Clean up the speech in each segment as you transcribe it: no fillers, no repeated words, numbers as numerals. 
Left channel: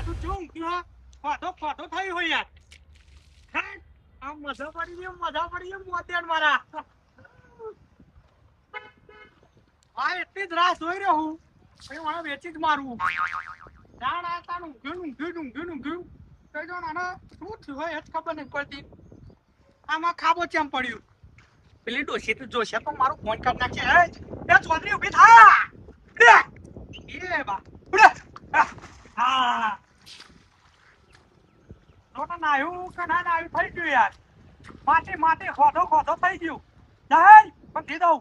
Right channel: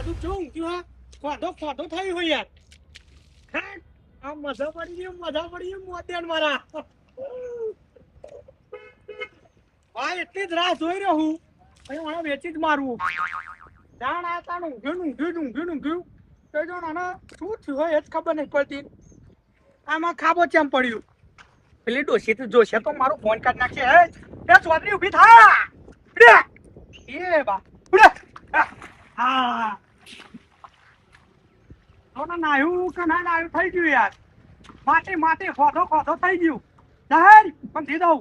વાદુ જો ઊંઘ્યું ખોટો થઈ હોય યાર ખાટ આ મજા પડી ગઈ મોતેન મારા આ એટલી જ રાહ જોઈ રહ્યો હું અને મને વેચી જ મારવું જાણ આ તાણ ઊંઘ્યું તો જો નાના શું થયું હોય એ જ ખબર નહીં પડતી આમાં ખાબો ચેમ પડ્યું પેલી ડોશી તો જોશે તો મારું ફોન કાઢ નાખશે હે એ ચોધરી ઊભી થા એ બા ઉડે હા ઓના નાયું કે ના નાયું થઈ ગયું યાર માટી ખોધો થઈ ગયું દહેર પણ થી દઉં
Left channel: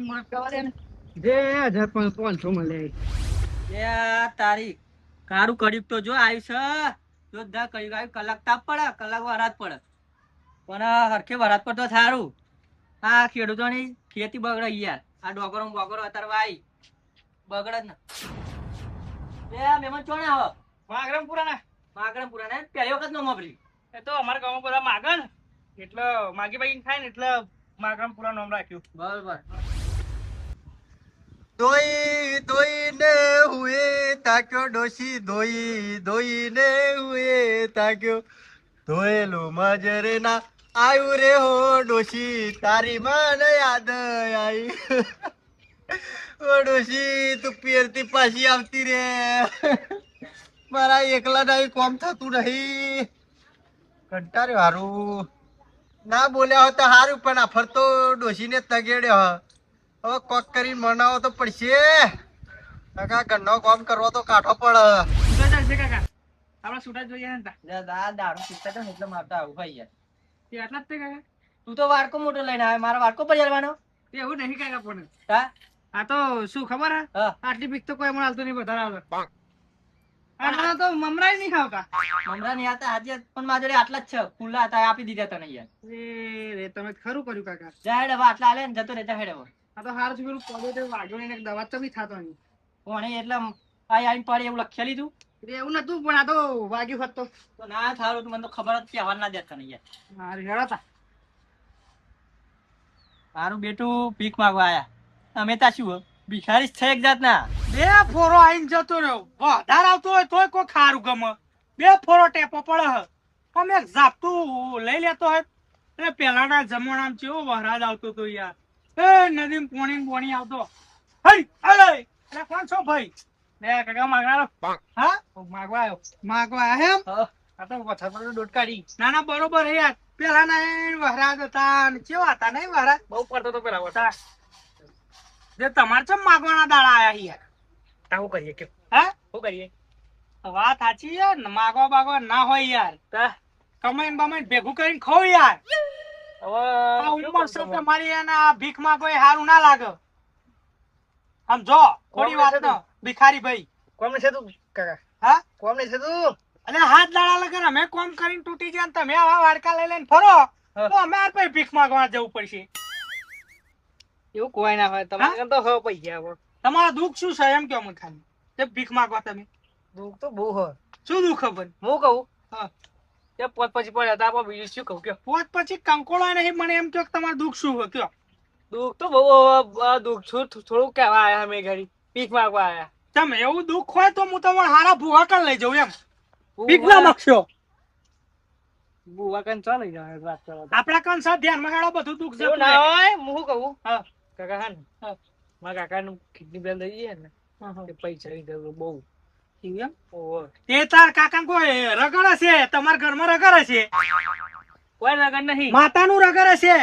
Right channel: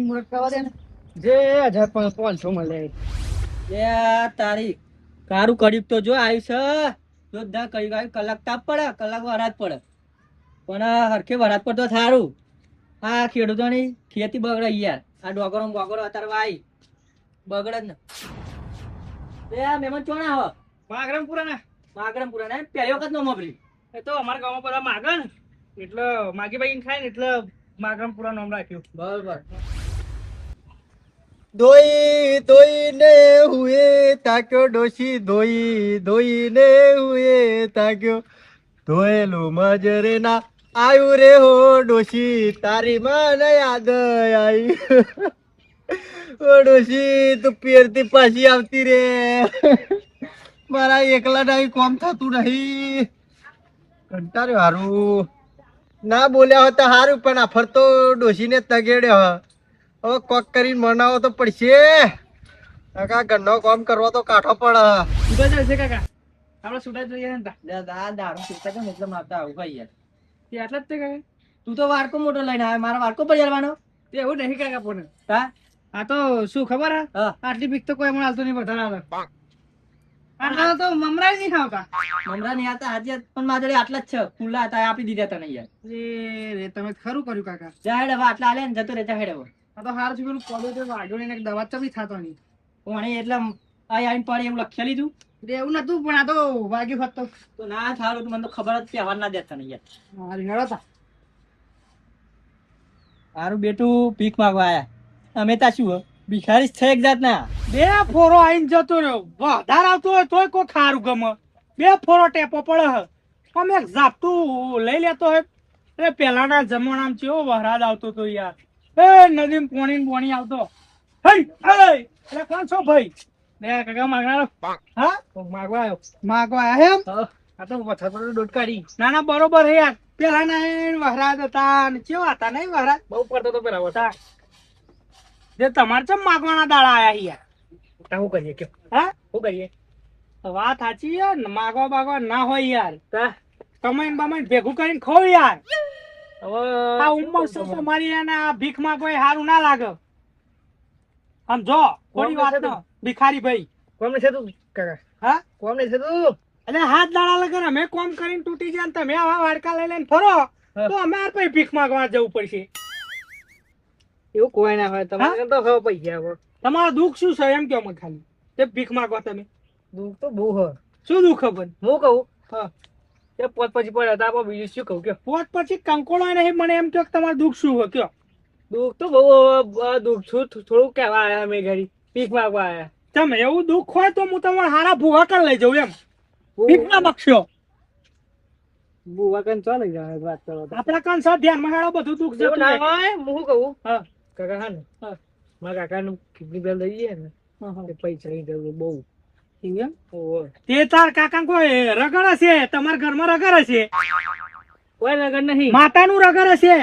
મુહૂર્ત કવા ને જે 1500 મળે એ તારી કારું કર્યું તો જો આવ્યું છે જોરદાર કર્યું આવ્યું કલાક તાપ પડે કલાક વરાત પડે પણ હરખે વરાત પર તો થારું આ ખેડૂતોની ખેતી બગડે યાર આ ડોગરો અત્યારે વાઈ બગડે જ ને એ મહેમાન ચોણા હો માગરમપુરા ને પહેલી વખત નો મબરી એ તો અમારા ગામમાં બધા માગે ને એટલે માગી ભાઈ ખાય ને એટલે માગરમપુરા નામ રાખ્યું બરાબર ધોઈને હુએ તાક્યો ડોશી ધોઈને હુએ તાક્યો ધોયેલું મજરે ના આયુ રે હો ડોશી તારી મને યાદ આવી ઓ ડોશી તું પેરતી પાછી આવતી રે મારા એકલા ના કોમ થતું નહીં કંટાળ્યો હારું ના બોલ્યા હોત હારું પણ આ ફરતો ડોશીને તગેડ્યો હવે કોક કરીને મનાવો તો પડશે કાકા ઘરનો કામ કરવો તો કાઠો પડે છે કાકા આપણે સુડા જોઈએ ને દારૂ પીતા હતા ને એટલે મારતા આવું ભાઈ યાર તે આટલા જ તે કાકા તું તો વાડકો મોટો લઈને આવે મારા વાડકો પર જવાનો તે એવું નહીં કાકા પણ હા આ તો શું ખબર હે આટલી બીક તો કોઈ મને હાલતું નહીં વધારે આવે આટલા તો મમરા નહીં ખાવતા મમરા નહીં આવતા આજે પણ મારા જોડે આટલા જ છે ખુલ્લા હતા આપી દીધા તને યાર એ તમે ખરું કર્યું કાકા જાહેર હવે આટલા આલે ને જતો રે જાહેર હવે આ તો હાર પેલું કોલેજ વાગ્યો ને દવા તો બી થતો નહીં પણ એટલે આઈને પડી એવું લખી લીધું એવું નતું પણ આ તો વાગ્યું હોત તો ના થારું મને તો ખબર જ પહેવાર ના દેતા નહીં યાર હારી હેડતા હારું બેટું ભીખ માંગવા આયા અમે તા શું ભિખારી છે એક જાતના બે ફોરો આઈને જતો રહ્યો વધાર આવતો હોય તોય કોઈ ખારું ગમે બે ફોરો ટેપો પડે અમે એક ઝાપટું લઈ લેતો હોય એ પેલાના જમાનામાં કેવો વહરાજ આવતો તો યાર એ નદીમ પોણી આવતો હઈ એટલે કોણ છો ભાઈ લે કાકા માગનારો હા માગવા આવ્યો એમ આ તો વથા પર ડોટ કાઢી ના ના બરોબર હે યાર પેલાના વહરાજ હતા ને કેવા હતા નહીં વહરાજ બહુ પડતો તો પેલા વટા જે તમારે ચમ માગવાના દાડા આયા યાર શું કરીએ કે હા શું કરીએ વાત સાચી યાર માગવા બાગવા ના હોય યાર કમાઈને બમાઈને ભેગું કરીને ખાવ યાર આ ઉંમર છે તમારી એને ભીખ માંગવા સારું ના લાગે સમજો થોડી વાત નો ભિખારી ભાઈ કોમ છે તું કાકા હા કોમ છે તું અલે હાથ દાડા લગન અમે કોમ કરીને તૂટી જાય તમે આવા વાડકા લઈ લઈને ફરો તો અમે પછી ભીખ માંગવા જવું પડશે એવું કોઈ ના હોય તમારે તો હવે પૈસા હવે તમારું દુઃખ શું છે એમ કેમ ખાલી તે ભીખ માંગવા તમે દુઃખ તો બહુ હોય શું દુઃખ ખબર હું કહું હા તે પોત પછી પડ્યા હતા આપણે બીજું શું કહું કે પોત પછી કંકોળો નહીં મને એમ કહો તમારું દુઃખ શું હોય કયો દુઃખ તો બહુ દુઃખ છું થોડું કહેવા આવ્યા અમે ઘડી ભીખ માંગવા આવ્યા તમે એવું દુઃખ હોય તો હું તમારે હારા ભૂવા કર લઈ જાઉં એમ ભીખ ના માગશો ભૂવા કન ચાલી જાય વાત કરો આપડા કન સા ધ્યાનમાં હેડો બધું દુઃખ જતું ના હોય હું કહું હા કાકા હા ને મારા કાકાનું કિડની બેલ દઈ જાય ને તે પૈસાની જરૂર બહુ એમ તે તાર કાકા કોઈ રગડ હશે તમારા ઘરમાં રગડ હશે કોઈ રગડ નહીં માતાનું રગડ હશે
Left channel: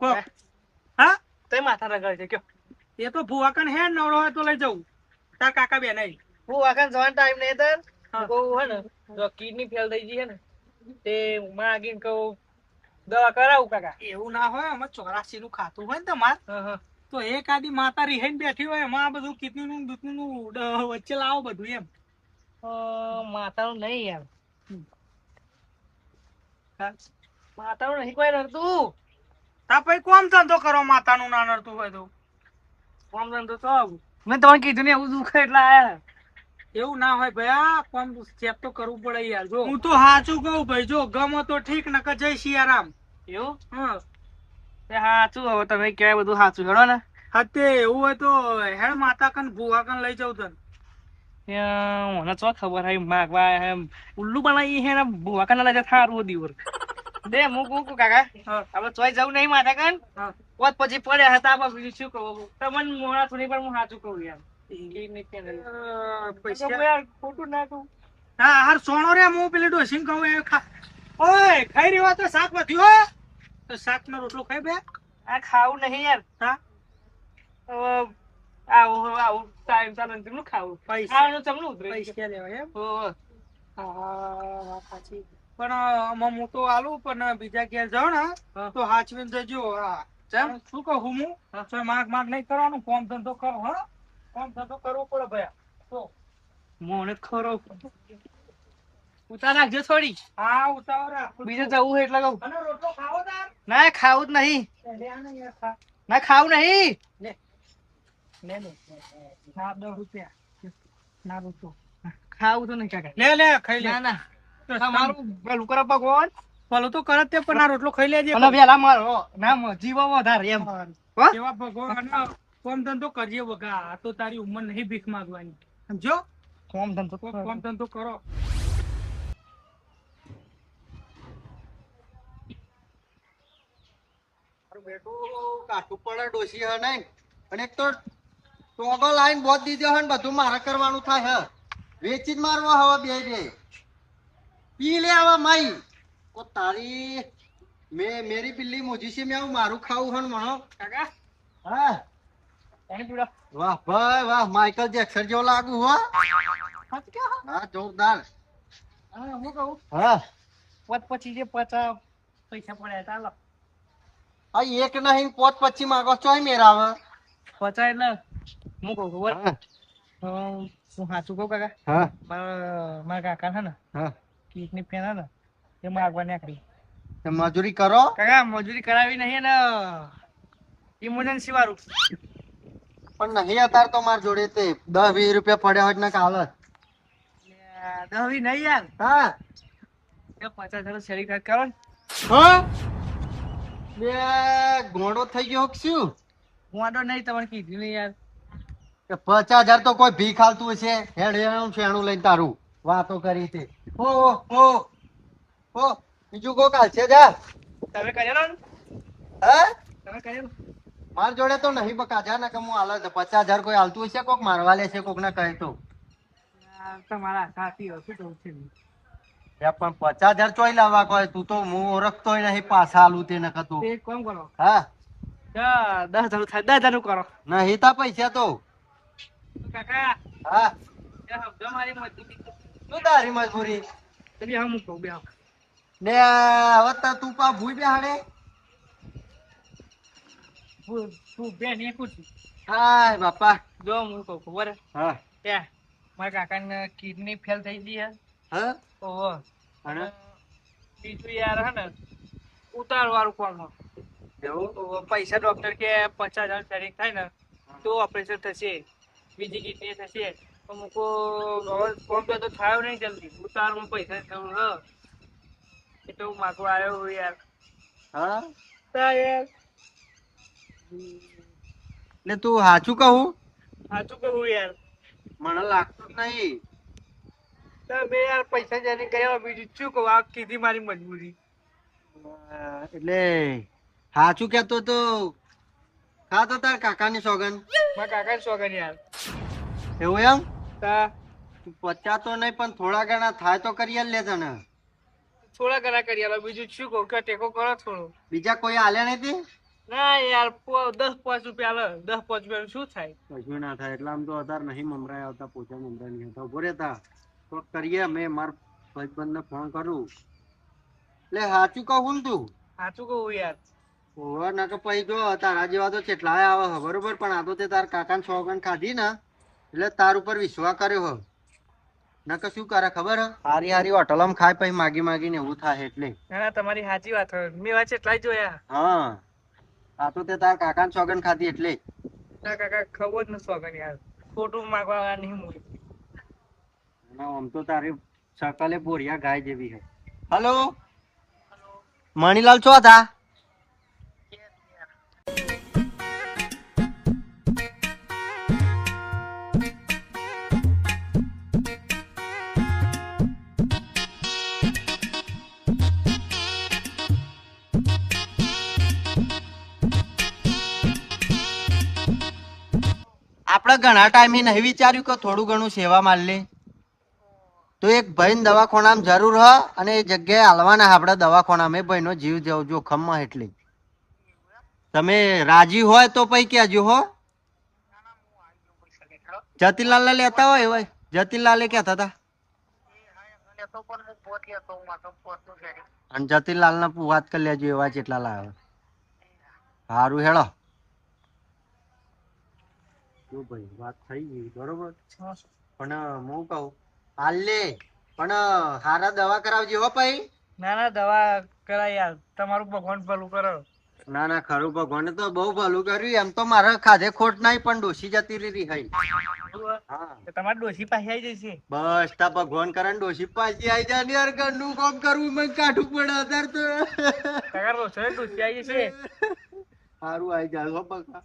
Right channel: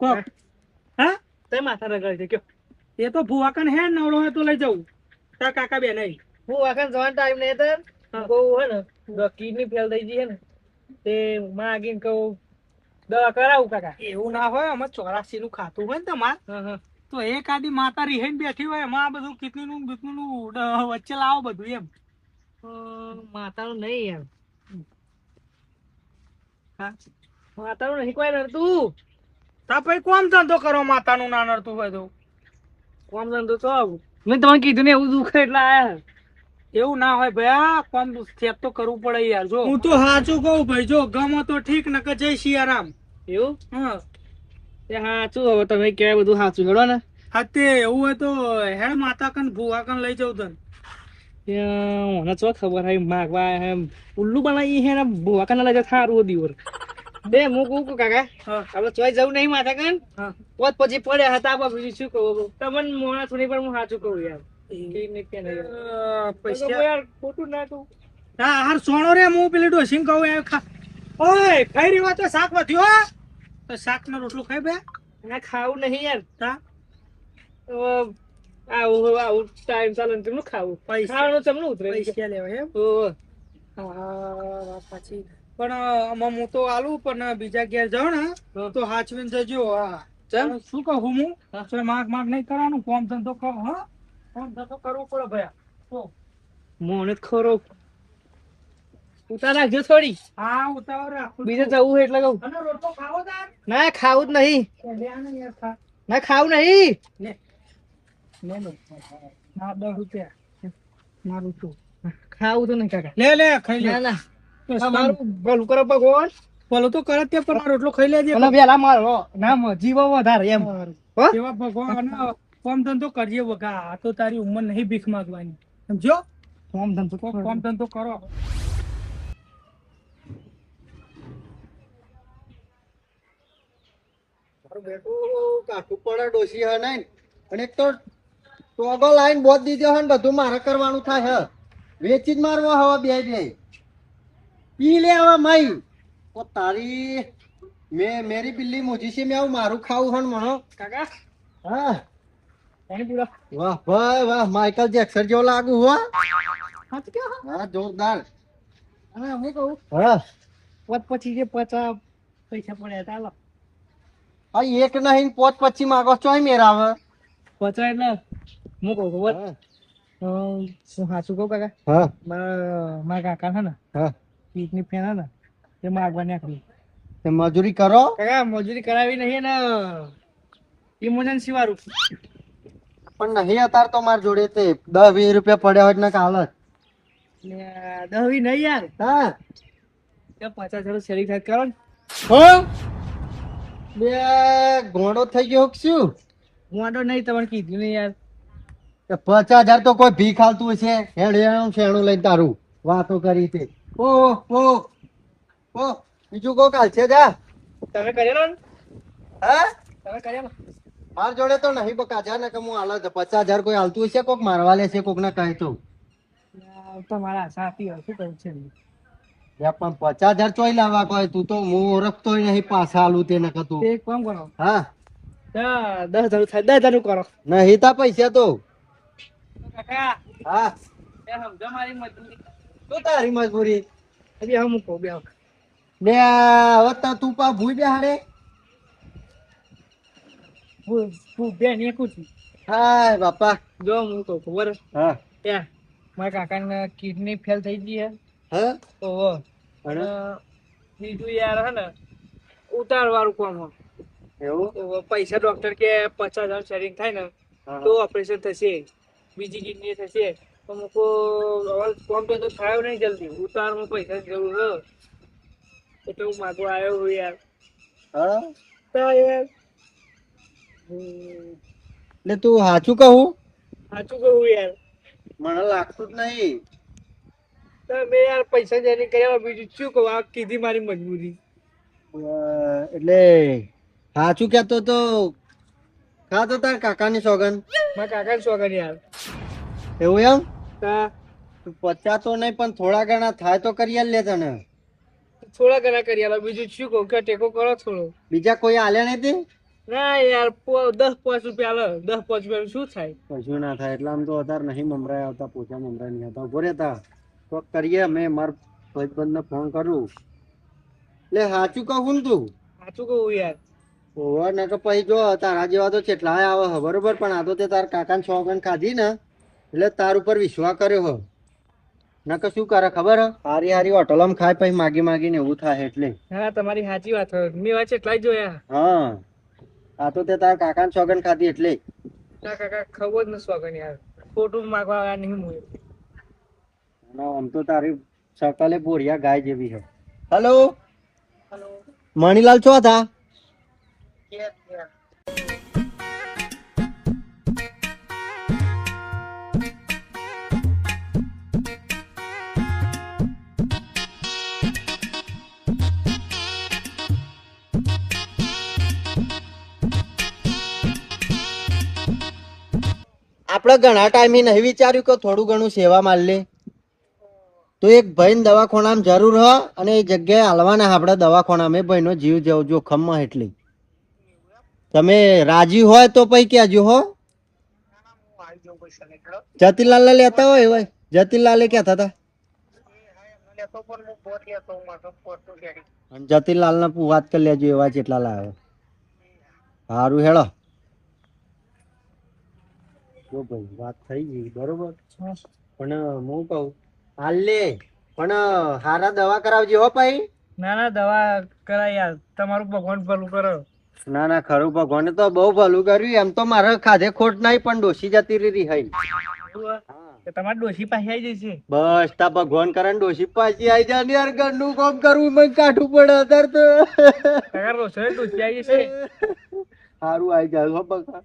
કોક હા તે માથા રગડ છે કયો એ તો ભૂવા કન હે નવરો હોય તો લઈ જવું તાર કાકા બે નહીં ભૂવા કન જવાનો ટાઈમ નહીં તાર બહુ હે ને જો કિડની ફેલ થઈ ગઈ હે ને તે માગીને કહું દવા કરાવું કાકા એવું ના હોય અમે 84 નું ખાતું હોય ને તમાર તો એક આદી માતા રીહેન બેઠી હોય એમાં બધું કિડની નું વચ્ચે લાવો બધું એમ માતાનું નહીં એમ માતાનું નહીં કોઈ નડતું તા પછી કોમ ધંધો કરો માતાનું ના નડતું હોય તો કોમ ધંધો તો મેં તમને કીધું ને એવું દુઃખ એટલે આયા એવું ના હોય ભાઈ આ કોમ સ્ટેપ તો કરવું પડે યાર જો હું તો સાચું કહું ભાઈ જો ગમે તો ઠીક નકર જય સિયારામ એવું હા તે સાચું હવે તમે કહેવાય બધું સાચું હેડો ને હા તે એવું હોય તો હેડ માતા કન ભૂવા કન લઈ જવું તને. ત્યાં મને ચો ખબર હે માગવા એમ ઉલ્લુ બનાવી હે ને ભૂવા કાના લઈ થારું દીવર દે હું કહું કાકા હા આપણે ચોય જવું નહીં માથા કાન હા પોત પછી પડ્યા હતા આપણે બીજું શું કહું તમને મોડા થોડી પણ હું સાચું કહું યાર પૈસા યાર ખોટું ના કહું હા હાર સોનો રે હું પેલી ડોસીને કહું એ ખા ઓય ખાઈ રહ્યો તો શાક વધ્યો હો? તો શાક નો રોટલો ખાઈ બે આ ખાવું નહીં યાર હા આવું ટાઈમ ચાલે ને તેમનું ખાવું પૈસા ખાવાનું ચમનું ઉતરે પૈસા લેવા એમ ઓહો. હા વાત સાચી પણ આમાં હું તો આલું પણ બીજા ઘેર જાઉં ને હા. તો હાચવીને જજો હા ચમ? પણ શું કહું હું હા. તો માગ માગ નહીં કરવાનું કોમ ધંધો કરો હા કોમ ધંધો કરવો પડે ભયા તો મોને ખરો ઉતાર નાખજો થોડી હા ઉતાવળ રાખું બીજે જવું હોય એટલે કહું અને રોટલો ખાવો તાર ના ખાવું જ નહીં લે આને યાર ખા ના ખાવું નહીં લે લે લો ના 10 રૂપિયા ના રૂપિયો ખાવું તો નહીં કાકા લે લે ખાઈ લે ના ના તમારું ભલું કરો ભગવાન ભલો તો કરે તે પણ આ રોટલો ખાઈ લેજે અને વેલા મારો ના જીવો વધારે એમ હો એવા ભગવાન કોમ ધંધો કરજે વગા આ તો તારી ઉંમર નહીં ભીખ માંગવાની સમજો કોમ ધંધો કોમ ધંધો કરો બેટું કાઠું પડે ડોસી હે નહીં અને એક તો ટોગો લાઈન બોધ દીધો હે ને બધું મારે કરવાનું થાય હે વેચી જ મારવો હવે બે નહીં પી લે હવે માઈ ઓ તારી મેરી બિલ્લી મુજી છે મેં આવું મારું ખાવું હે ને મણો કાકા હા પાણી પીડો વાહ ભાઈ વાહ માઇકલ જેક્સન જેવો લાગુ હો હાથ કે હા જોરદાર હા હું કહું હા પોત પછી જે 50 પૈસા પડ્યા ચાલો આ એક નહીં પોત પછી માગો ચોય મેરાવે 50 એટલે હું કહું ખબર હા શું સાચું કહું કાકા હા મારા કાકા છે ને હા કિડની ફેન હે ને તે માગવા નીકળી તો મજૂરી કરો કાકા મજૂરી કરાવી નહીં ને ઇમરજન્સી વાળું પણ નહીં અત્યારે તો માર જોડે તે 10-20 રૂપિયા પડ્યા હોય ને કાલત દહવી નહીં યાર હા 50 શરીર ખાત કરો ને હો બે ઘોડો થઈ ગયો કે શું વાંધો નહીં તમને કીધું નહીં યાર કે 50,000 તો કોઈ ભીખ હાલતું હશે હેડ શેણું લઈને તારું વાતો કરી તે ઓ બીજું કોક હાલશે જા તમે કરેલો ને હે તમે કરેલો માર જોડે તો નહીં બકા જા ને કે હું હાલો 50,000 કોઈ હાલતું હશે કોક મારવા લેશે કોક ને કહે તો તમારા સાથી શું કહું છે પણ 50,000 ચોઈ લાવવા કોઈ તું તો હું ઓળખતોય નહીં પાછા હાલું તેને કતું તે એક કામ કરો હા 10,000 થાય 10,000 કરો નહીં તા પૈસા તો કાકા હા સમજો મારી મજબૂરી શું તારી મજબૂરી એટલે હું કહું બે ને હવે તો તું પા ભૂઈ બેહાડે હું બેન એકું છું હાય બાપા જો હું કહું ખબર હા ત્યાં મારા કાકાને કિડની ફેલ થઈ ગઈ હે હા ઓહો અને બીજું યાર હે ને ઉતાર વાળું કોણ હો એવું પૈસા ડોક્ટર કે 50,000 શરીર થાય ને તો ઓપરેશન થશે બીજી કિડની થશે તો મૂકો હવે કોમ તો થયો નહીં જલ્દી ઉતારમાં પૈસા જરૂર હ એટલે હું માગવા આવ્યો હું યાર હા તો યાર એટલે તું સાચું કહું સાચું કહું યાર મને લાગતું જ નહીં તમે યાર પૈસા જેની કર્યા બીજું શું કહું આ કીધી મારી મજબૂરી એટલે સાચું કહેતો તો ખાતો તાર કાકાની સોગન મારા કાકા શોખન યાર એવું એમ હા તું 50 તો નહીં પણ થોડા ઘણા થાય તો કરી આલ લે તને થોડા ઘણા કરી આલો બીજું શું કહું કે ટેકો કરો થોડો બીજા કોઈ આલ્યા નહીં તે ના યાર 10-5 રૂપિયા આલે 10-5 રૂપિયા શું થાય કશું ના થાય એટલે આમ તો અત્યારે નહીં મમરાય આવતા પોચા મમરાય નહીં આવતા ઉભો રહેતા કોક કરીએ મેં મારા ભાઈબંધને ફોન કરું એટલે સાચું કહું ને તું સાચું કહું યાર ઓવર ના કે પછી જો તારા જેવા તો કેટલાય આવે હે બરોબર પણ આ તો તે તાર કાકાને સોગન ખાધી ને એટલે તાર ઉપર વિશ્વાસ કર્યો હો ના કે શું કરે ખબર હે હારી હારી હોટલમાં ખાય પછી માગી માગીને એવું થાય એટલે ના તમારી સાચી વાત હોય મેં વાત એટલા જ જોયા હા આ તો તે તાર કાકાને સોગન ખાધી એટલે ના કાકા ખબર જ ન શોખન યાર ખોટું માગવા આવ્યા નહીં હું ના આમ તો તારી સકલે બોરિયા ગાય જેવી છે હેલો મણીલાલ છો હતા આપણે ઘણા ટાઈમે નહીં વિચાર્યું કે થોડું ઘણું સેવા માલ લે તો એક ભાઈ દવાખાનામાં જરૂર હ અને એ જગ્યાએ હાલવાના આપણે દવાખાનામાં એ ભાઈનો જીવ જવો જોખમમાં એટલી તમે રાજી હોય તો પછી કહેજો હો જતીલાલ લેતા હોય ભાઈ જતીલાલે કહેતા હતા અને જતીલાલ ને વાત કરી લેજો એવા જેટલા લાવે સારું હેળો જો ભાઈ વાત થઈ ગઈ બરોબર પણ હું કહું હાલ લે પણ હારા દવા કરાવજે હો ભાઈ ના ના દવા કરાય યાર તમારું ભગવાન ભલું કરો ના ના ખરું ભગવાને તો બહુ ભલું કર્યું એમ તો મારે ખાધે ખોટ નહીં પણ ડોસી જતી રહી હઈ હા તમારી ડોશી પાસે આવી જશે બસ તા ભગવાન કરે ને ડોસી પાછી આવી જાય ને યાર ઘરનું કામ કરવું મને કાઢવું પડે અત્યારે તો કાકા રોસડે ડોશી આવી જશે સારું આવી જાય હો બકા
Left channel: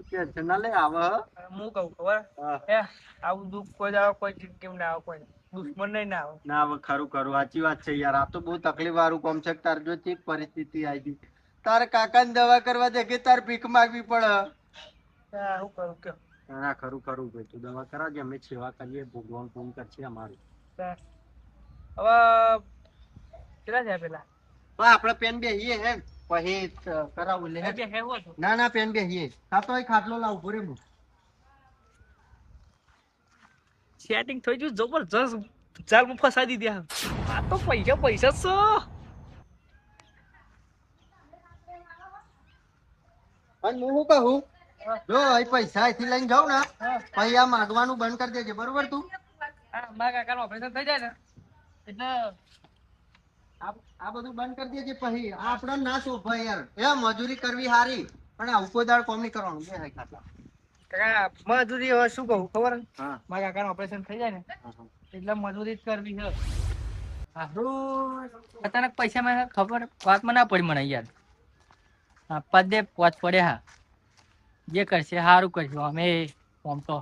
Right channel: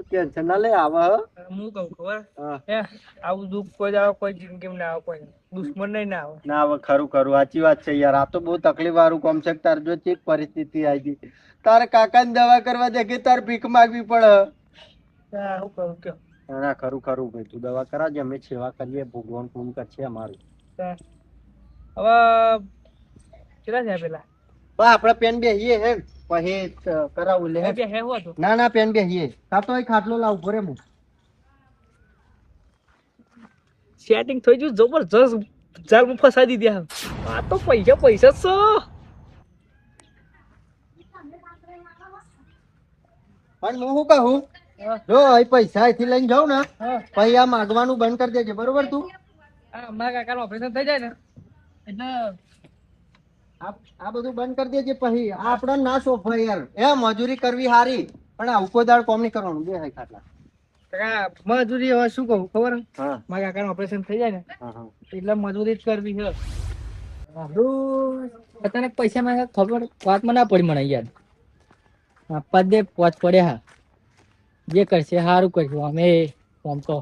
ટેન્શન ના લે આવે હું કહું ખબર હે આવું દુઃખ કોઈ દાડો કોઈ જિંદગીમાં ના આવે કોઈ દુશ્મન નહીં ના આવે ના હવે ખરું ખરું સાચી વાત છે યાર આ તો બહુ તકલીફ વાળું કામ છે તાર જો ચેક પરિસ્થિતિ આવી ગઈ તારે કાકાને દવા કરવા દે કે તાર ભીખ માગવી પડે હું કરું કે ના ખરું ખરું ભાઈ તું દવા કરાવજે અમે સેવા કરીએ ભગવાન પૂર્ણ કરશે અમારું હવે કેટલા થયા પેલા આપડે પેન બેહીએ હે પછી કરાવું લે બે હે હું હતું ના ના પેન બેહીએ કાતો એ ખાટલો લાવ ભરે હું સેટિંગ થઈ ગયું જબરજસ્ત જાલમાં ફસાઈ દીધી આ તો પૈસા પૈસા જ પણ હું શું કહું જો એ પૈસા અહીંથી લઈને જાઉં ને પછી આ માગવાનું બંધ કરી દેજે બરોબર તું હા મારા કાકાનું ઓપરેશન થઈ જાય ને એટલે આ બધું બંધ કરી દેજે પછી આ આપડે ના સોફાય યાર એ મજૂરી કરવી હારી પણ આ ઉકોદાળ કોમ નહીં કરવાનું બે હાઈ ખાટલા કાકા મજૂરી હવે શું કહું ખબર હા મારા કાકાનું ઓપરેશન થઈ જાય ને એટલે મજૂરી જ કરવી છે અચાનક પૈસા મને ખબર વાતમાં ના પડી મને યાર હા પદે પોચ પડે હા જે કરશે સારું કરશું અમે આમ તો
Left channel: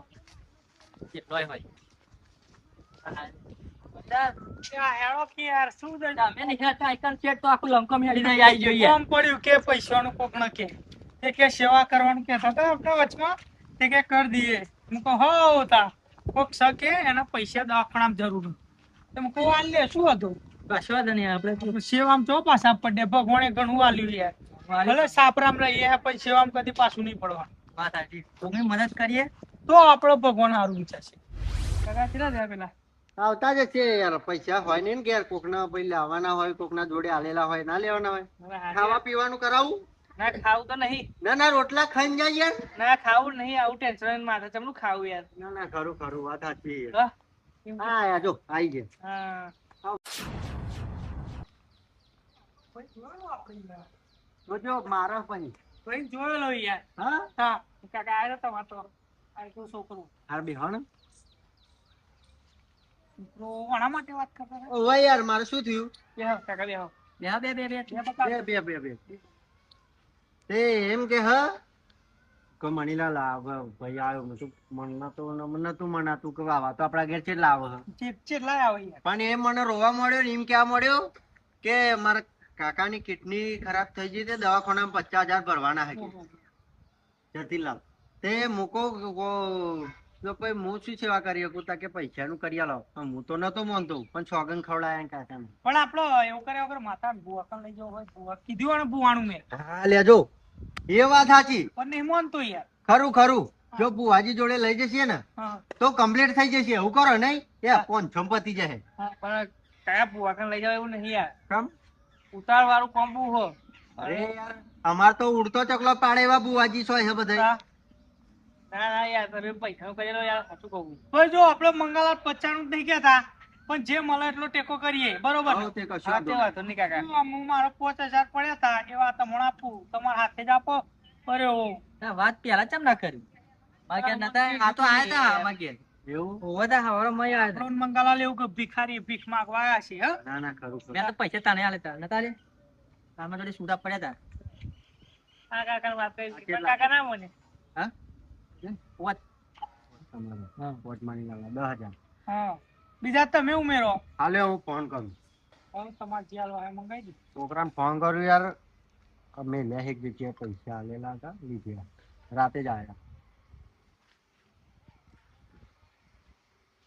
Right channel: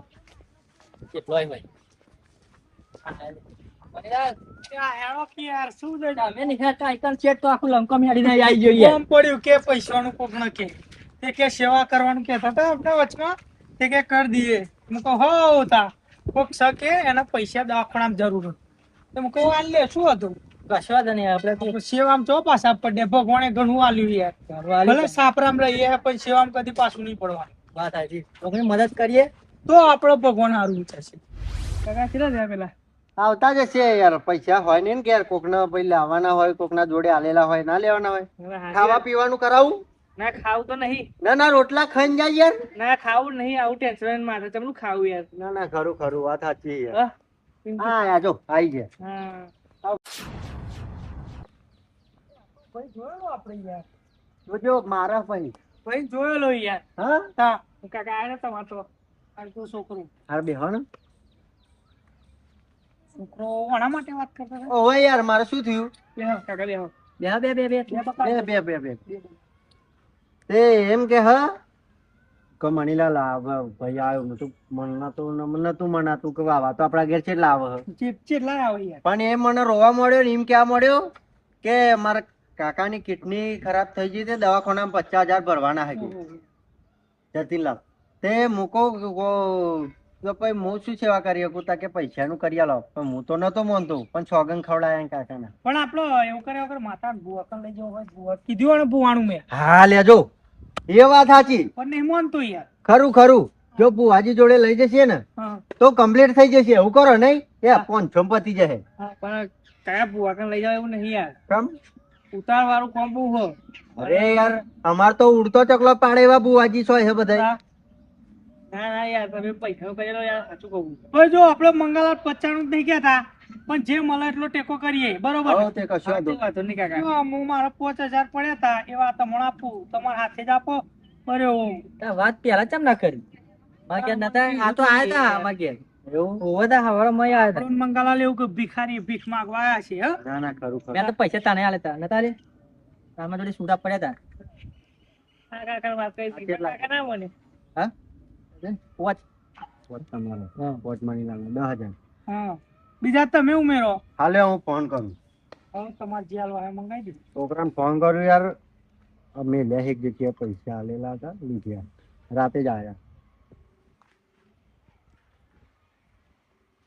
કેટલોય ભાઈ સેવા કરવાનું કેતા હતા આપણે વચમાં તે કે કરી દઈએ હું કહું હો તા કોક શકે એના પૈસા દવાખાનામાં જરૂર તો હું કહું આલ લે શું હતું કશવા નહીં આપણે સેવામાં જો પાછા પડે ભગવાને ઘણું આલ્યું યાર ભલે સાપરામ રહીએ પણ સેવામાં કદી પાછું નહીં પડવાનું વાત સાચી આપણે મદદ કરીએ તો આપણો ભગવાન સારું વિચારશે કાકા કેટલા થયા પેલા આવતા જ હશે યાર પૈસા હોય ને કે યાર કોકના પછી લાવવાના હોય કોકના જોડે આલેલા હોય ના લેવાના હોય ખાવા પીવાનું કરાવું ના ખાવું તો નહીં ના ના રોટલા ખાઈને જાય યાર ના ખાવું નહીં આવું ટેન્શન માટે તમને ખાવું યાર ના ના ખરું ખરું વાત સાચી યાર હા યાર જો આવી ગયા હા ભાઈ જોયેલો આપણે યાર જોજો મારા ભાઈ ભાઈ જોયેલો યાર હા હા કાકા આયા તમારો આ તો છોકરો હાર બે હણ છોકરો આના માટે વાત કરતા હતા ઓય યાર મારે શું થયું બેહો કાકા બેહો બે બે બે બે બે બે બે બે તે એમ કે હા કે મણીલાલ ભાઈ આવ્યો નતું નતું મનાતું કે વાવા તો આપણા ઘેર કેટલા આવે કેટલા આવે યાર પણ એ મને રોવા મળ્યો ને એમ ક્યાં મળ્યો કે મારા કાકાની કિડની ખરાબ થઈ ગઈ તે દવાખાનામાં 50,000 ભરવાના હે જતીલાલ તે મૂકો તો પછી હું શું સેવા કરી શકું તા કે પૈસાનું કરી આલો પણ હું તો નતો માનતો પણ સોગન ખવડાયા કાકાને પણ આપણો એવું કર્યા વગર માતા બુવા લઈ જવો હોય બુવા કીધું ને બુવાનું મેં હા લેજો એ વાત સાચી પણ નહીં માનતો યાર ખરું ખરું જો બુવાજી જોડે લઈ જશે ને હા તો કમ્પ્લીટ થઈ જશે એવું કરો નહીં એ 500 પતી જશે પણ કયા બુવા લઈ જાવ એવું નહીં યાર કેમ ઉતાર વાળું કોમ બહુ હો અરે યાર અમાર તો ઉડતો ચકલો પાડે એવા બુવાજી છો હે બધા ના ના યાર તમે પૈસા કરેલો યાર સાચું કહું હવે જો આપણે મંગળવાર 95 જ નહીં ગયા પણ જે મળે એટલો ટેકો કરીએ બરોબર હો તે કશું વાંધો નહીં કાકા જો હું મારા 5000 પડ્યા હતા એવા તમને આપું તમારા હાથે જ આપો અરે ઓ વાત પેલા ચમ ના કરી માગે નતા આ તો આયા તા માગે એવું ઓવા તા હવારે મય આયા તા આપણને મંગળવાર એવું કે ભિખારી ભીખ માંગવા આયા છે હે ના ના ખરું ખરું મેં તો પૈસા તાને આલે તા નતા રે તારમાં જોડે છૂટા પડ્યા તા આ કાકાને વાત કરી આ હતી. કેટલા? કાકા ના મને. હા વોચ તમારો વોચ મણીલાલનો 10,000 હા બીજા તમે ઉમેરો હાલે હું ફોન કરું હવે તમારે જે હાલવા હોય મંગાવી દો છોકરાને ફોન કરું યાર અમે લે એક જગ્યાએ પૈસા આલેલા હતા લીધ્યા રાતે જ આયા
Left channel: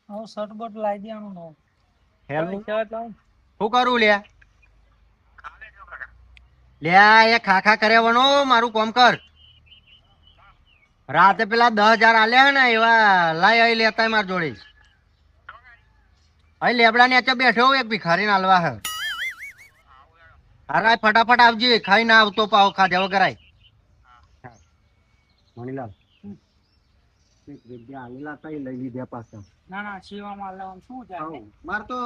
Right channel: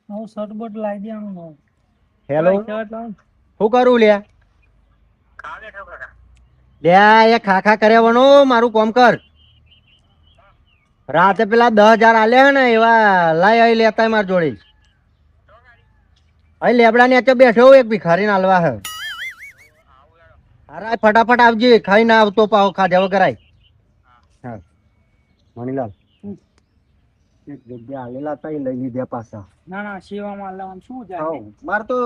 હવે શર્ટ બટ લાવી દેવાનું નો હેલો શું કરું લ્યા લ્યા એ ખાખા કર્યાવાનો મારું કોમ કર રાતે પેલા 10,000 આલ્યા હે ને એવા લાય આઈ લેતા માર જોડે અહીં લેબડા ને બેઠો એક ભિખારીને આલવા હે હારા ફટાફટ આવજે ખાઈ ના આવતો પાવ ખાધા વગર આય હા મણીલાલ એક જગ્યા આલેલા હતા એ લઈ લીધા પાછા ના ના સેવામાં આલવામાં શું જાય હાઉ માર તો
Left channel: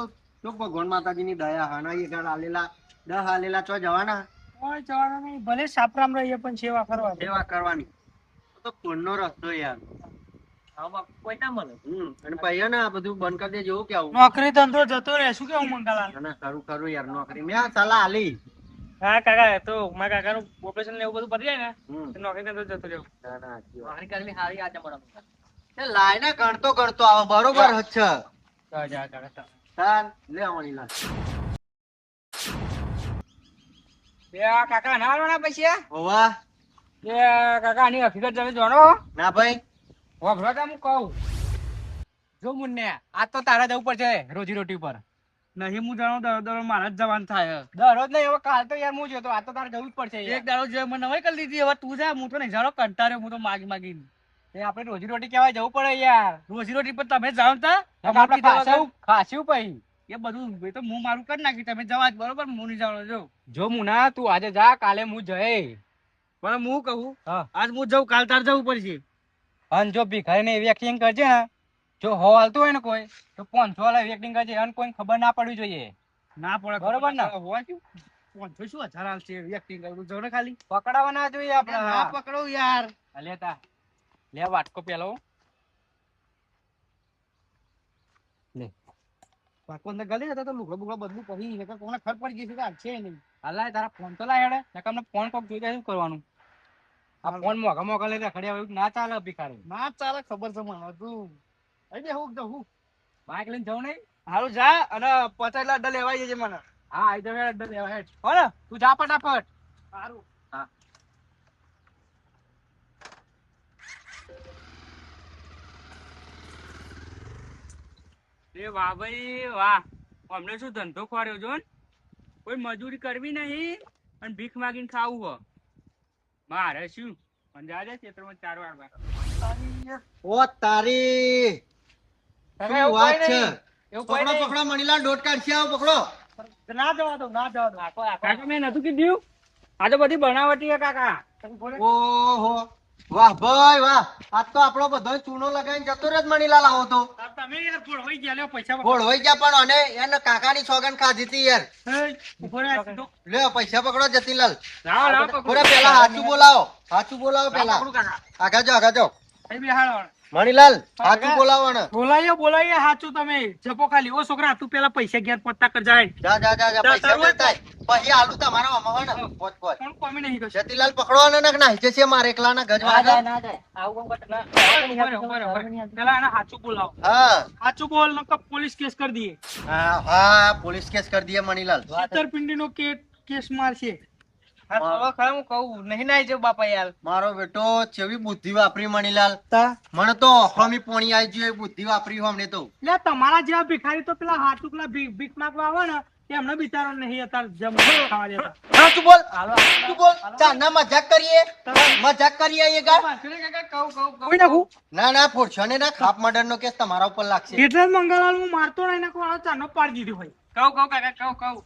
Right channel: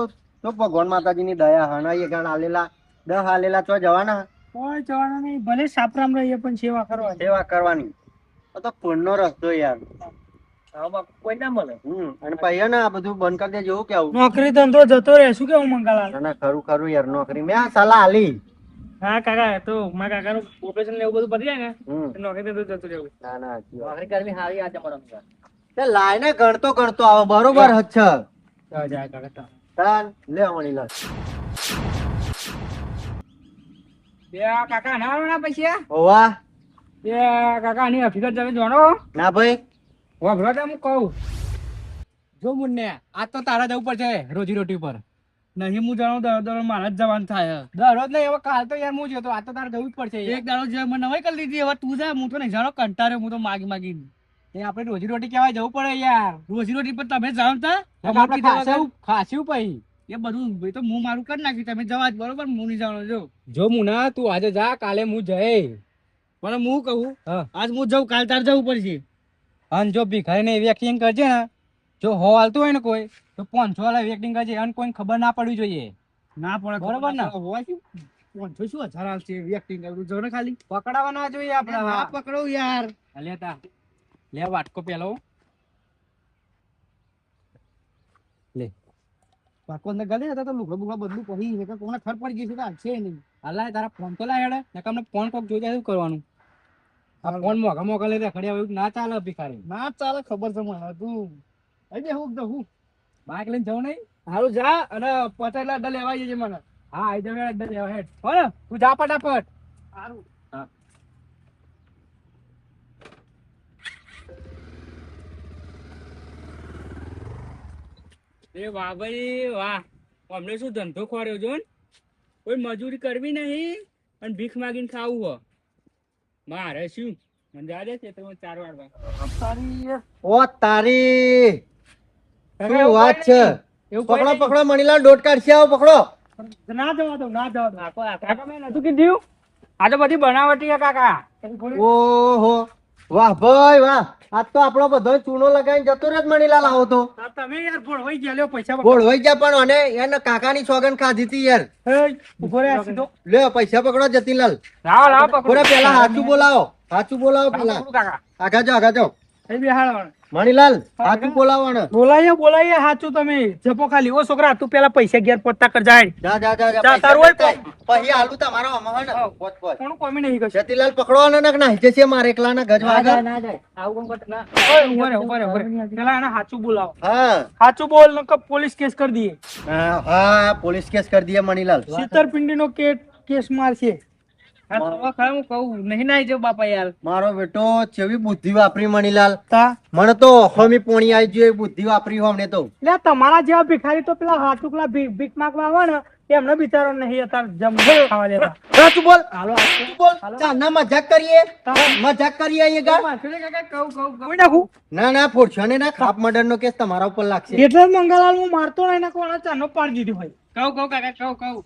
ભગવાન માતાજીની દયા હના એ ગાણ આલેલા 10 આલેલા ચો જવાના કોઈ જવાનું નહીં ભલે સાપરામ રહીએ પણ સેવા કરવાની સેવા કરવાની આ તો પુણ્યનો રસ્તો યાર આમાં કોઈ ના મળે. અને પછી ને આ બધું બંધ કરી દે જેવું કેવું નોકરી ધંધો જતો રહે શું કેવું મંગાલાલ ના ના ખરું ખરું યાર નોકરી મેં આ સલાહ આલી હા કાકા તો મારા કાકાનું ઓપરેશન ને એવું બધું પતી જાય ને હમ તો નોકરી તો જતું રહેવું. ના ના સાચી વાત. નોકરી કરવી સારી આજે મળવાનું. તે લાઈને ગણતો આવે બરોબર જ છે જા કાકા. તાન લે મણીલાલ બે કાકા ના આવવાના પૈસા. ઓવા બે કાકા આની હકીકત તમે જાણો. ના ભાઈ વાભરો હું કહું. જો મુન્ને આજ તો તારા જવું પડશે રોજી રોટી પર. નહીં હું જાણું દરરોજ મારે જ જવાનું થાય દરરોજ નહીં હવે કાલ તો યાર હું જતો આજ તો તારે જવું જ પડશે. એક દાડો જે મને નવાઈ કરી લીધી હવે તું જા હું તો નહીં જાણો કંટાળ્યો હું તો માગી માગીને એ આપણે રોજી રોટી કહેવાય જવું પડે યાર. રોજી રોટી પર તમે જાણતા તમારે ખાસું ખાસ્યું પછી એ બધું એ તો હું મારું કરી નાખી તમે જવા જ બરોબર હું નહીં જાણો જો જો મુના તું આજે જા કાલે હું જઈ. પણ હું કહું હા. આજ હું જઉં કાલ તાર જવું પડશે અને જો ભિખારીને એવી એક્ટિંગ કરજે ને જો હો હાલતું હોય ને કોઈ તો 500 વાળા એક્ટિંગ કરજે અને કોઈને ખબર ના પડવી જોઈએ ના પડે બરોબર ને? હોવા શું 500 શું 1000 હાલશે એવી એક્ટિંગ કરવું જો ને ખાલી પકડાવા ના જોઈએ આપણે. ના પકડો યાર લેતા લે વાટકો પેલો. પાકો અંદર ગલે હતા તો લુગડા બુગડા બદલું પછી છે કે કોને ખબર પડી ગઈ છે તો છે નહીં અલ્લાહ તારા ફોન તો લાય હેડે. નકર અમને ફોન કોક જોઈ જાય શું કરવાનું. આ ફોન મોઘા મોઘા લઈ ખડ્યા એવું ના ચાલે ભિખારી. ના ચાલે ખબર છે મને તું અહીં હું જવું બાઈક લઈને જવું નહીં. હારું જા અને 50 લાખ લેવાઈ જજે મને હા આઈ જાવ હેડ દેવા હેડ. હો ને તું જા ફટાફટ. સારું હા. એ વાહ ભાઈ વાહ. અમને શું ધંધો ખોર્યો જો ને. કોઈ મજૂરી કરવી નહીં અને ભીખ માગીને ખાવું હો. મારે શું મને જાજે ખેતરમાં 4 વાળવા. ઓ તારી શું વાત છે એવું પકડો કોઈ પકડો મણીલાલ દોટ કાઢશે આવો પકડો ના જવા દો ના જવા દો કાકા મેં નતું કીધું. આ તો બધી બનાવટી છે કાકા. ઓહો વાહ ભાઈ વાહ આજ તો આપણો બધો ચૂનો લગાવીને જતો રહ્યો જ મણીલાલ આવો તો તમે યાર ભોળવાઈ ગયા લ્યો પૈસા ગોળવાઈ ગયા પણ અને એને કાકાની સોગન ખાધી હતી યાર ઉભો રે સીધો લ્યો પૈસા પકડો જતીલાલ લાવ લાવ પકડો. પૂરા પેલા સાચું બોલાવો પેલા પકડું કાકા. આગા જાઓ એ બેહાડો મણીલાલ સાચું બોલાવો ને બોલાઈએ સાચું તમે જપો ખાલી ઓ છોકરા તું પેલા પૈસા ઘેર પોતા કર જાય જા જા, પૈસા તારું હોય લેતા આય. પછી હાલું તમારો અમાવા ને પોચ પોચ કોણ કોમી નહીં કશું જતીલાલ પકડો અને નાખી જશે મારે એકલાના ગજવા ના જાય આવું કોણ કરતું ના. ઉભો રે પેલા એને સાચું બોલાવો હા સાચું બોલ નકર પોલીસ કેસ કરી દઈએ હા પોલીસ કેસ કરી દઈએ મણીલાલ છેતરપિંડી નો કેસ મારશે હું કહું નહીં નાઈ જાવ બાપા યાર મારો બેટો ચેવી બુદ્ધિ વાપરી મણીલાલ તા મને તો અખમી પોણી આવી જોઈએ બુદ્ધિ વાપરી હો અમને તો લે તમારા જેવા ભિખારી તો પેલા હાટુકલા ભીખ માંગવા આવે ને એમને બિચારો નહીં અત્યારે જમ ખાવા દેતા સાચું બોલ હાલો સાચું બોલ ચાના મજાક કરીએ એ ગાર કહું નાખું ના ના ફોડશો ને ના ખાપ મર્ડર નો કેસ તમારા ઉપર લાગશે એટલે જ મંગાલાલ હું મારતો નહીં ને કોઈ ચાનો પાડી દીધી ભાઈ કહું કાકા કહું કહું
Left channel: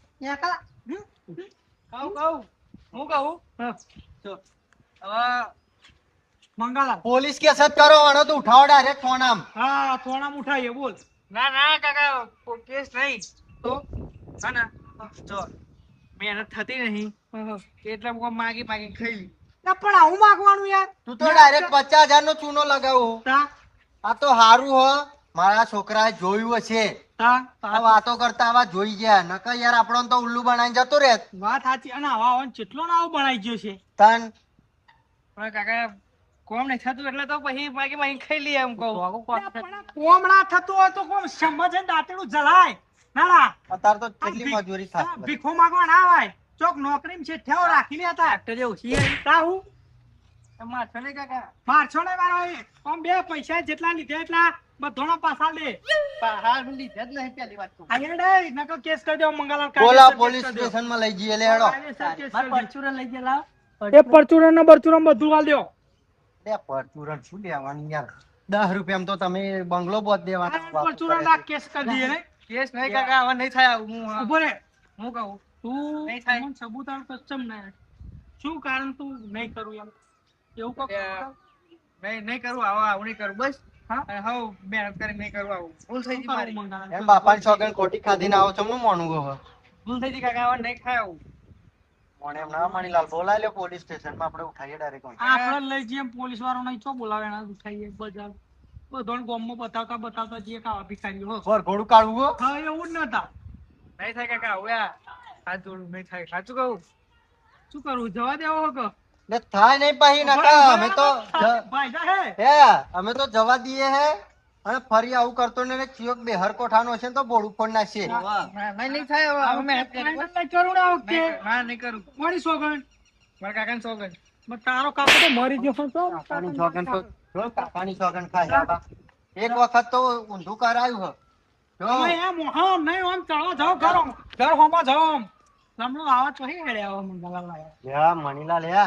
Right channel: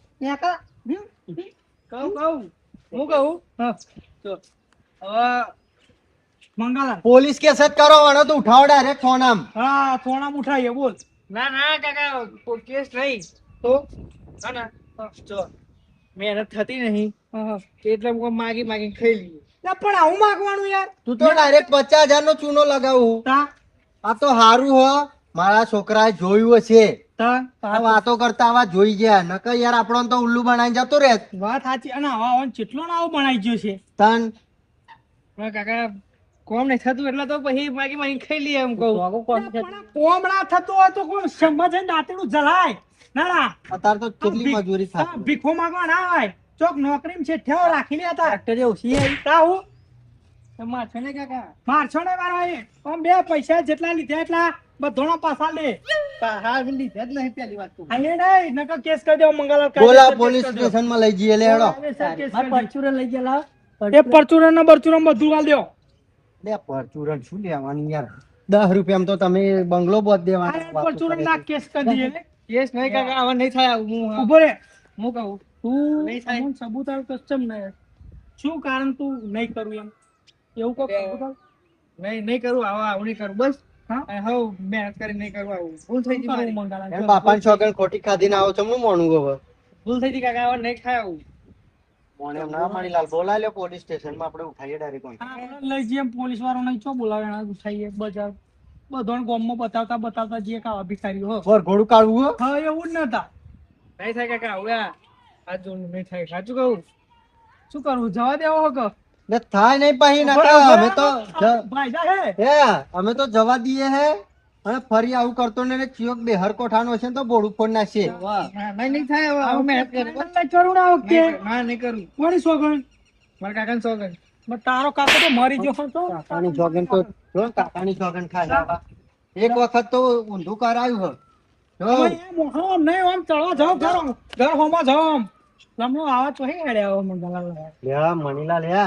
હું કહું. હા તો હવે મંગાલાલ પોલીસ કેસ જ કરો વણો તો ઉઠાવો ડાયરેક્ટ ફોન આમ હા થોડા ઉઠાઈએ બોલ ના ના કાકા કેસ નહીં તો હા ને જો મહેનત થતી નહીં એટલે હું માગી ખાઈ લઈએ. લે પણ આવું માગવાનું યાર તું તો ડાયરેક્ટ 50,000 નો ચૂનો લગાવું તા આ તો હારું હો મારા છોકરાએ જોયું હશે તા આ વાતો કરતા આવા જોઈ ગયા નકર યાર આપણો તો ઉલ્લુ બનાવીને જતો રહે વાત સાચી અને આવા કેટલો ને આવો બનાવી ગયો છે તન હવે કાકા કોમ નહીં થતું એટલે તો પછી બાકી માં ખાઈ લઈએ એમ કહું કોમ ના થતું હોય તો કોણ સમજે દાંતેડું જલાય ના ના અત્યારે તો કેટલી મજૂરી હા, થાય ભીખો માંગવા ના હોય ચોક નોકરી છે ઠેવ રાખી લે હતા ટ્રેક્ટર ઓછી આવી તાહુ તમારે છે ને કાકા મારછો ને મારો એ આમ બે પૈસા જેટલા લીધા એટલા બધોના પાછા લે હા લીધા જ નહીં પેલી વાત તો આયે નહીં નકો કેસ કરી દેવો મંગળવાર બોલા પોલીસ સ્ટેશન માં લઈ જઈએ લે હેડો પરચુરણ લઈ ગયેલા એ પરચુરણ નો બરચુરણ બધું વાલ દેવો લે પરચુરણ શું લેવાનું યાર 10 રૂપિયામાં તો તમે બંગલો બોધ દેવાના પરચુરણ ના કેસ કરી દઈએ ને કેસ નહીં કાકા હવે નહીં થાય આવું હું ઉભો રે હું કહું તું નહીં થાય. અમુક સબૂત આવ કસ્ટમ ને શું કારણ તું નહીં કરું એમ એવું કોક સબૂત આવ નહીં કરું આવું નહીં કરું બસ હા હવે મહેનત કરી નહીં કરું આવું ભૂલ થઈ ગઈ મારી. એમ બાપાની છોકરાને ખોટી ખાધીને આવો છો હું મોણું હવે ભૂલ થઈ ગઈ કાકા હવે નહીં થાય આવું મોણે એમ ના માણી લાલ બોલાય લે પોલીસ સ્ટેશન માં આપણે ઉઠાઈએ ડાયરેક્ટ આપણે લઈ જઈએ પોલીસ વાળો નહીં ચો બોલાવે એના ઉઠાઈએ બજાર બધોને ગામમાં બતાવતા જે કાવા ભિખારીઓ હો પર ઘોડું કાઢવું હો? હા એવું જ નતા નહીં થાય કાકા હવે આ જોડું નહીં થાય સાચું કહું શું કરવું જવા દેવો હો કે ને થાય નહીં પાહી નાકા અમે તો ભાઈ જા હે હે અમે તો જવા દઈએ હે અને ફરી આવું કરતો ને ચિયોક બેહર કોઠાનો છે ને તો બોડું ફોડ નાખશે નહીં થાય હવે મહેનત કરી ફાઇનલ નહીં કરું ને આ વખતે ના નહીં કરું કોની સોગન મારા કાકાને સોગન તારો કાકો તો મરી ગયો પણ તો કાકાની છોકન તો જો કાકાની છોકન ખાય એક વખત તો ઊંધું કરાયું હો જો હવે એમ હા નહીં આમ ચડવા જાઓ ઘર હોમાં જાઓ આમ લમણો આવા તો હે હેડે આવો મંગલા લાયા લે મણીલાલ હે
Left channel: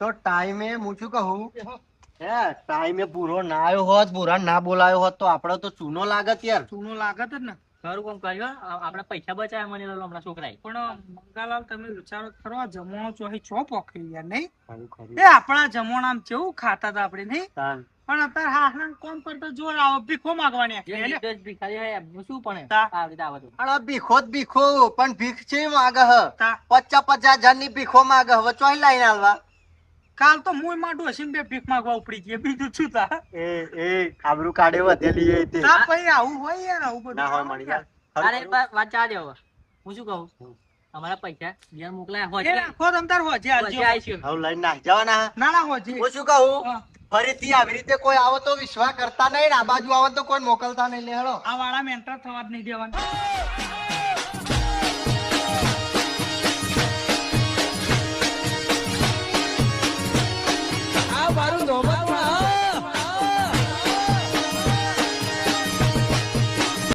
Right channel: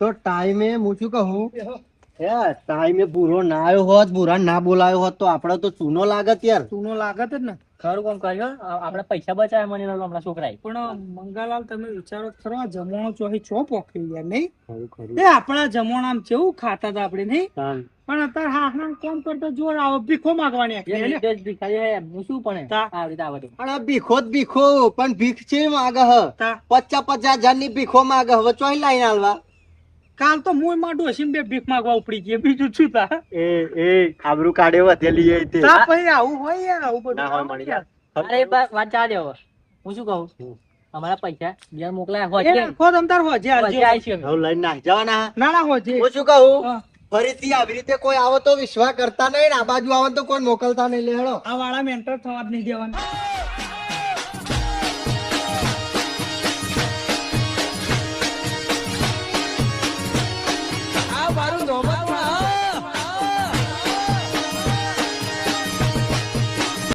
તો ટાઈમે હું શું કહું હે ટાઈમે પૂરો ના આવ્યો હોત પૂરા ના બોલાયો હોત તો આપણે તો ચૂનો લાગત યાર ચૂનો લાગત જ ને ખરું કોમ કર્યો આપણે પૈસા બચાવ્યા મને હમણાં છોકરાએ પણ મંગાલાલ તમે વિચારો ખરો આ જમવાનો ચોહી ચો પોખી યાર નહીં ખરું ખરું એ આપણા જમવાનામ કેવું ખાતા હતા આપણે નહીં તાન. પણ અત્યારે હા કોમ કરતા જોર આવો ભીખો માંગવાની આખી ભિખારી હે શું પણ તા. આવી રીતે આવે તો અને ભીખો જ ભીખો પણ ભીખ છે માગે હ તા. 50,000 ની ભીખો માગે હવે ચોઈ લાઈન આલવા કાલ તો મુય માં ડોસીને બે ભીખ માંગવા ઉપડી ગઈ બીજું શું તા એ આબરૂ કાઢે વધેલી એ તે તા પછી આવું હોય યાર આવું ના હોય બધું મણીલાલ. અરે વાત ચાલે હવે હું શું કહું અમારા પૈસા બીજા મોકલાયા હોય એ રાખો તમ તાર હોજે આલજો હવે લઈને નાખ જવાના હા. ના ના હોજે હું શું કહું હા. ફરીથી આવી રીતે કોઈ આવો તો વિશ્વાસ કરતા નહીં ને આ બાજુ આવો તો કોઈ મોકલતા નહીં લે હેડો આ વાળા મેન્ટર થવા જ નહીં દેવાના આ મારું નોબત